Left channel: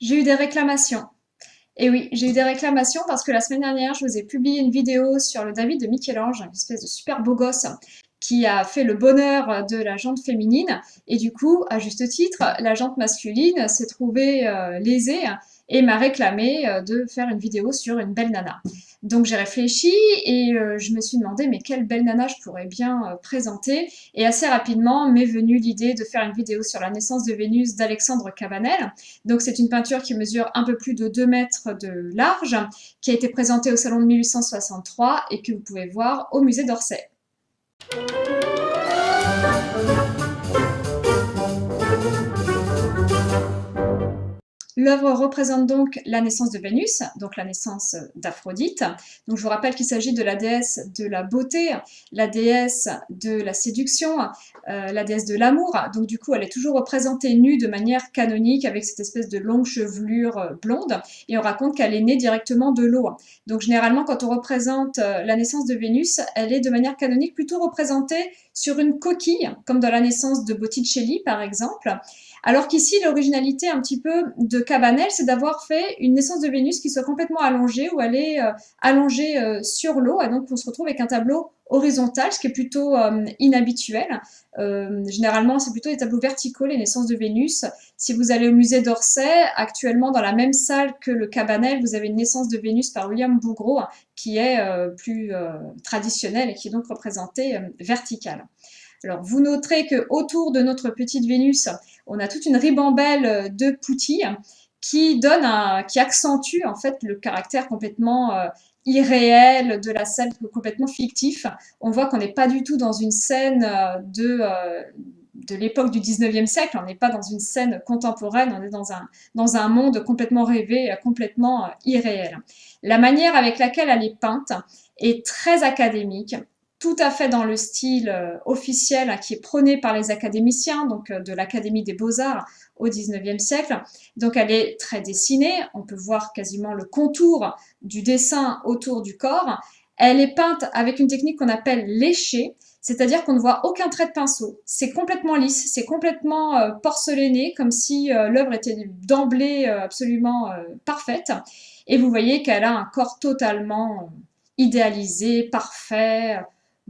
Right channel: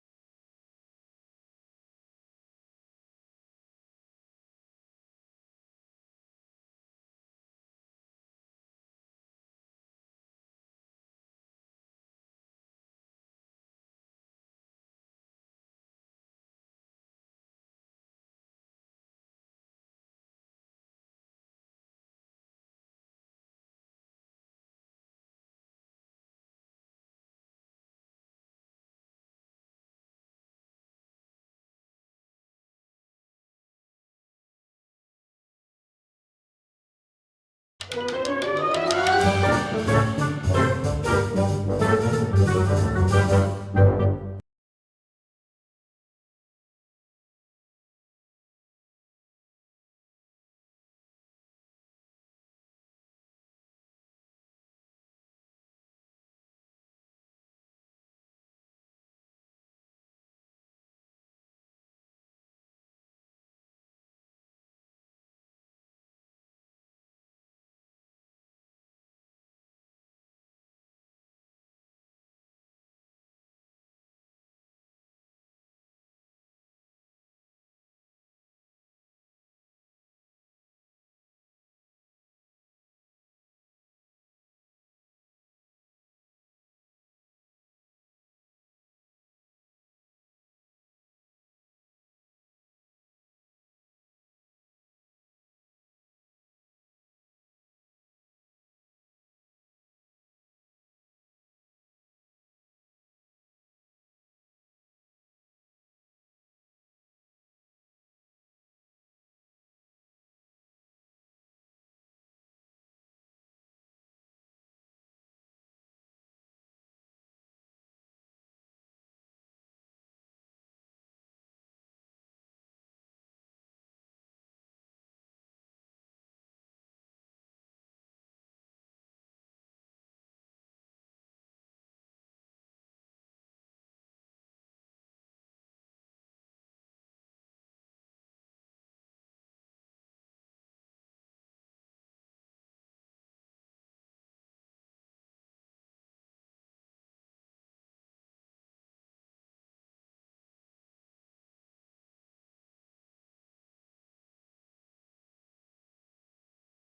J'ai eu des réclamations. Et oui, j'ai eu des réclamations parce que la semaine dernière, je vous ai publié une vidéo sur le David de Michel-Ange, une espèce de super beau gosse qui a fait le bonheur de la jante féminine. Et du coup, à juste titre, la jante masculine s'est trouvée lésée et m'a réclamé de faire une vidéo sur une belle nana. Donc j'ai réfléchi et je me suis demandé mais quelle belle nana je pourrais bien présenter. Et assez rapidement m'est venue l'idée de faire une vidéo sur la naissance de Vénus d'Alexandre Cabanel. Donc c'est une peinture qui mesure un peu plus de 2 mètres de large, qui a été présentée au salon de 1863 et que vous pouvez voir au musée d'Orsay. L'œuvre représente donc la naissance de Vénus, donc la naissance d'Aphrodite. Donc je vous rappelle qu'il s'agit de la déesse de la beauté, la déesse de la séduction, la déesse de l'amour. Donc du coup, elle est toujours représentée nue de manière canonique avec cette espèce de longue chevelure blonde. Et on raconte qu'elle est née directement de l'eau. Donc généralement, quand on représente la naissance de Vénus, elle est de manière canonique plutôt représentée sur une coquille, comme dans la naissance de Botticelli par exemple. Alors qu'ici, l'originalité un petit peu de Cabanel, c'est d'avoir fait une naissance de Vénus qui soit complètement allongée, où elle est allongée sur l'eau, et donc on se retrouve avec un tableau horizontal, ce qui est plutôt inhabituel. Généralement, c'est plutôt des tableaux verticaux, les naissances de Vénus. Si vous allez au musée d'Orsay, actuellement dans la même salle que le Cabanel, vous avez une naissance de Vénus par William Bouguereau, qui est plus traditionnelle et qui est donc représentée verticale. Alors, vous noterez que autour de notre petite Vénus, on a toute une ribambelle de poutilles qui accentue en fait le caractère complètement irréel de la scène, complètement fictif. On voit qu'on n'est pas du tout dans une scène de l'époque du 19e siècle, on n'est pas dans une scène contemporaine, on est dans un monde complètement rêvé, complètement irréel. La manière avec laquelle elle est peinte est très académique, tout à fait dans le style officiel qui est prôné par les académiciens, donc de l'Académie des Beaux-Arts au XIXe siècle. Donc elle est très dessinée, on peut voir quasiment le contour du dessin autour du corps. Elle est peinte avec une technique qu'on appelle léchée, c'est-à-dire qu'on ne voit aucun trait de pinceau. C'est complètement lisse, c'est complètement porcelanné, comme si l'œuvre était d'emblée absolument parfaite. Et vous voyez qu'elle a un corps totalement idéalisé, parfait,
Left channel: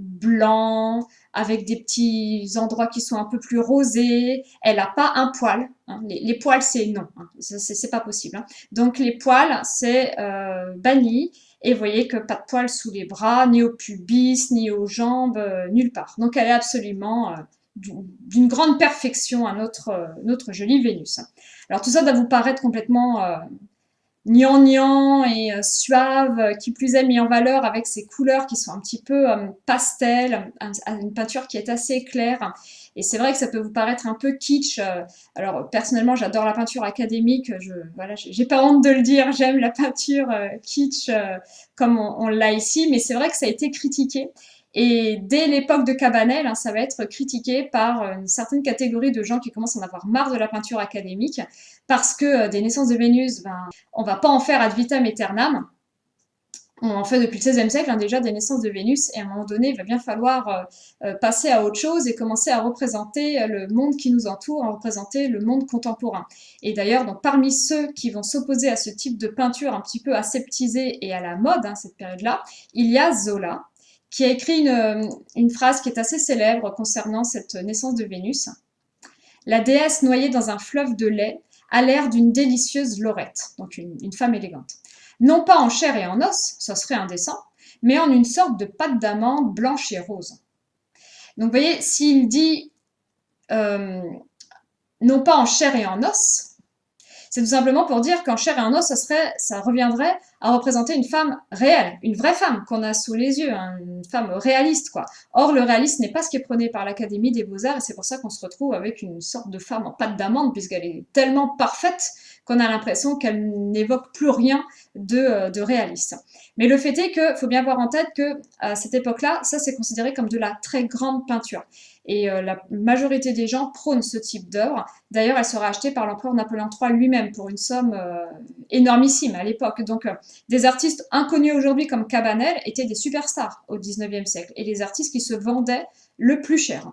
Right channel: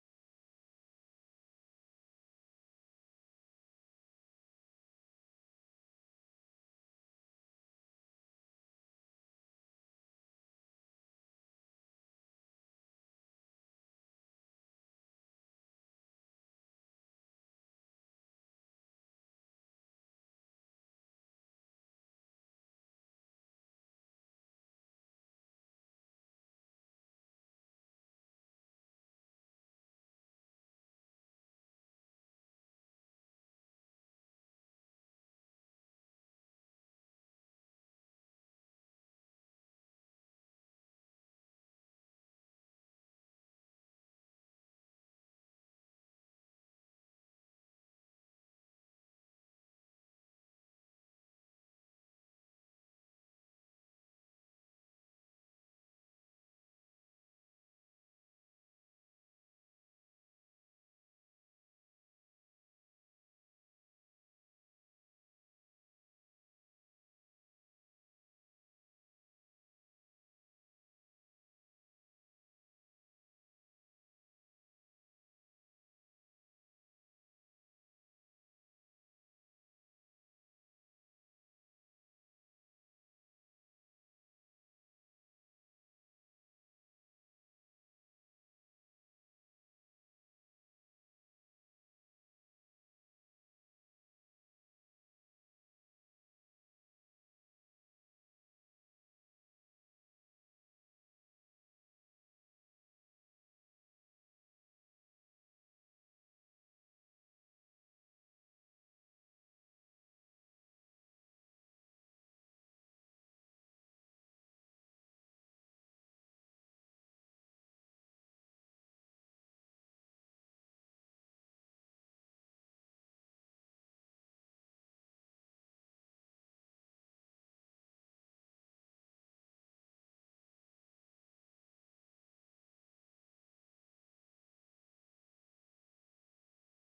blanc, avec des petits endroits qui sont un peu plus rosés. Elle n'a pas un poil. Hein. Les poils, c'est non. Hein. C'est pas possible. Hein. Donc les poils, c'est banni. Et vous voyez que pas de poils sous les bras, ni au pubis, ni aux jambes, nulle part. Donc elle est absolument d'une grande perfection à notre jolie Vénus. Alors tout ça doit vous paraître complètement gnangnan et suave, qui plus est mis en valeur avec ses couleurs qui sont un petit peu pastel, une peinture qui est assez claire. Et c'est vrai que ça peut vous paraître un peu kitsch. Alors personnellement, j'adore la peinture académique. Voilà, j'ai pas honte de le dire. J'aime la peinture kitsch comme on l'a ici, mais c'est vrai que ça a été critiqué. Et dès l'époque de Cabanel, hein, ça va être critiqué par une certaine catégorie de gens qui commencent à en avoir marre de la peinture académique, parce que des naissances de Vénus, ben, on va pas en faire ad vitam aeternam. On en fait depuis le XVIe siècle hein, déjà des naissances de Vénus, et à un moment donné, il va bien falloir passer à autre chose et commencer à représenter le monde qui nous entoure, à représenter le monde contemporain. Et d'ailleurs, donc, parmi ceux qui vont s'opposer à ce type de peinture un petit peu aseptisée et à la mode, hein, cette période-là, il y a Zola, qui a écrit une phrase qui est assez célèbre concernant cette naissance de Vénus. La déesse noyée dans un fleuve de lait a l'air d'une délicieuse lorette, donc une femme élégante. Non pas en chair et en os, ça serait indécent, mais en une sorte de pâte d'amande blanche et rose. Donc vous voyez, s'il dit euh, non pas en chair et en os, c'est tout simplement pour dire qu'en chair et en os, ça reviendrait à représenter une femme réelle, une vraie femme qu'on a sous les yeux, hein, une femme réaliste, quoi. Or, le réalisme n'est pas ce qui est prôné par l'Académie des Beaux-Arts, et c'est pour ça qu'on se retrouve avec une sorte de femme en pâte d'amande, puisqu'elle est tellement parfaite qu'on a l'impression qu'elle n'évoque plus rien de réaliste. Mais le fait est qu'il faut bien avoir en tête que à cette époque-là, ça c'est considéré comme de la très grande peinture. Et la majorité des gens prônent ce type d'œuvre. D'ailleurs, elle sera achetée par l'empereur Napoléon III lui-même pour une somme énormissime à l'époque. Donc, des artistes inconnus aujourd'hui comme Cabanel étaient des superstars au XIXe siècle et les artistes qui se vendaient le plus cher.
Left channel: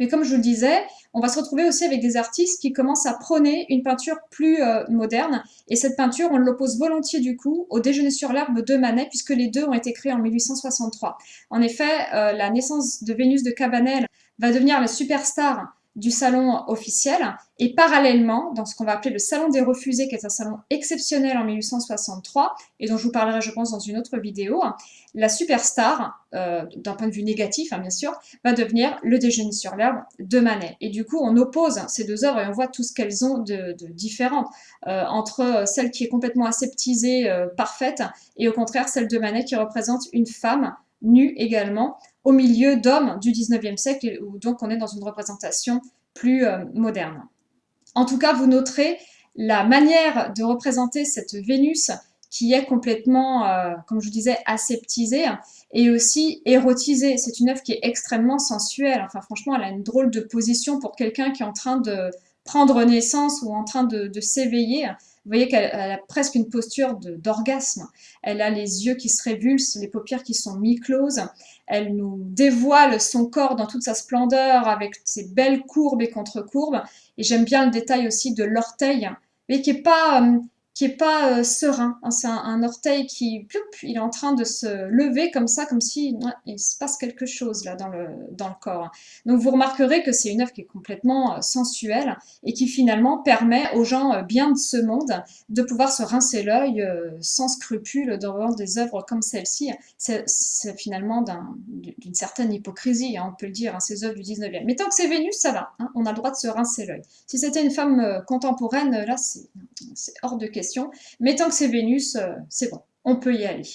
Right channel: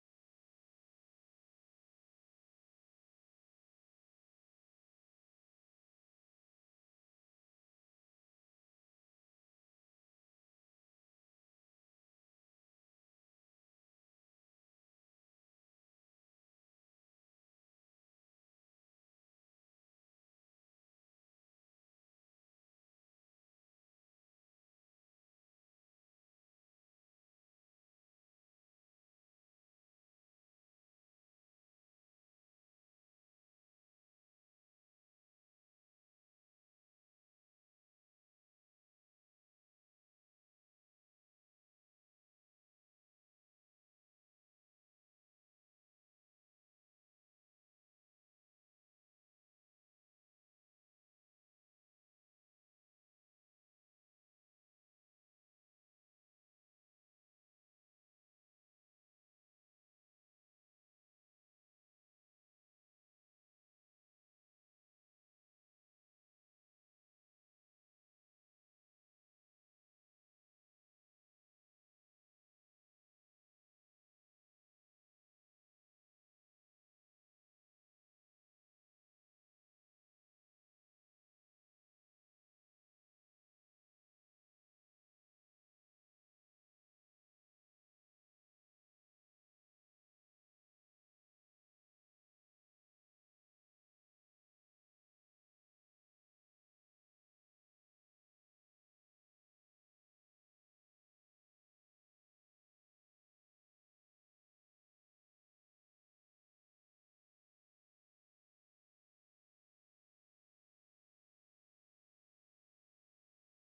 Mais comme je vous le disais, on va se retrouver aussi avec des artistes qui commencent à prôner une peinture plus moderne. Et cette peinture, on l'oppose volontiers du coup au Déjeuner sur l'herbe de Manet, puisque les deux ont été créés en 1863. En effet, la naissance de Vénus de Cabanel va devenir la superstar du salon officiel. Et parallèlement, dans ce qu'on va appeler le Salon des Refusés, qui est un salon exceptionnel en 1863, et dont je vous parlerai, je pense, dans une autre vidéo, la superstar, d'un point de vue négatif, hein, bien sûr, va devenir le Déjeuner sur l'herbe de Manet. Et du coup, on oppose ces deux œuvres et on voit tout ce qu'elles ont de différent entre celle qui est complètement aseptisée, parfaite, et au contraire celle de Manet qui représente une femme nue également, au milieu d'hommes du 19e siècle, où donc on est dans une représentation plus moderne. En tout cas, vous noterez la manière de représenter cette Vénus qui est complètement, comme je vous disais, aseptisée et aussi érotisée. C'est une œuvre qui est extrêmement sensuelle. Enfin, franchement, elle a une drôle de position pour quelqu'un qui est en train de prendre naissance ou en train de s'éveiller. Vous voyez qu'elle a presque une posture d'orgasme. Elle a les yeux qui se révulsent, les paupières qui sont mi-closes. Elle nous dévoile son corps dans toute sa splendeur avec ses belles courbes et contre-courbes. Et j'aime bien le détail aussi de l'orteil, mais qui est pas serein, hein. C'est un orteil qui, ploup, il est en train de se lever comme ça, comme si ouais, il se passe quelque chose là dans le corps. Donc vous remarquerez que c'est une œuvre qui est complètement sensuelle et qui finalement permet aux gens bien de ce monde de pouvoir se rincer l'œil sans scrupule devant des œuvres comme celle-ci. C'est finalement d'une certaine hypocrisie, hein, on peut le dire, hein, ces œuvres du 19e. Mais tant que c'est Vénus, ça va, hein, on a le droit de se rincer l'œil. Si c'était une femme contemporaine, là, c'est hors de question. Mais tant que c'est Vénus, c'est bon, on peut y aller.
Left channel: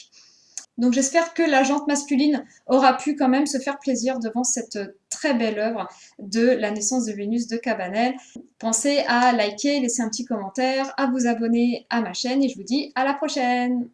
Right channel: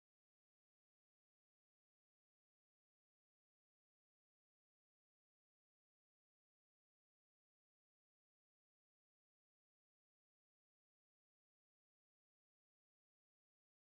Donc j'espère que la jante masculine aura pu quand même se faire plaisir devant cette très belle œuvre de la naissance de Vénus de Cabanel. Pensez à liker, laisser un petit commentaire, à vous abonner à ma chaîne et je vous dis à la prochaine!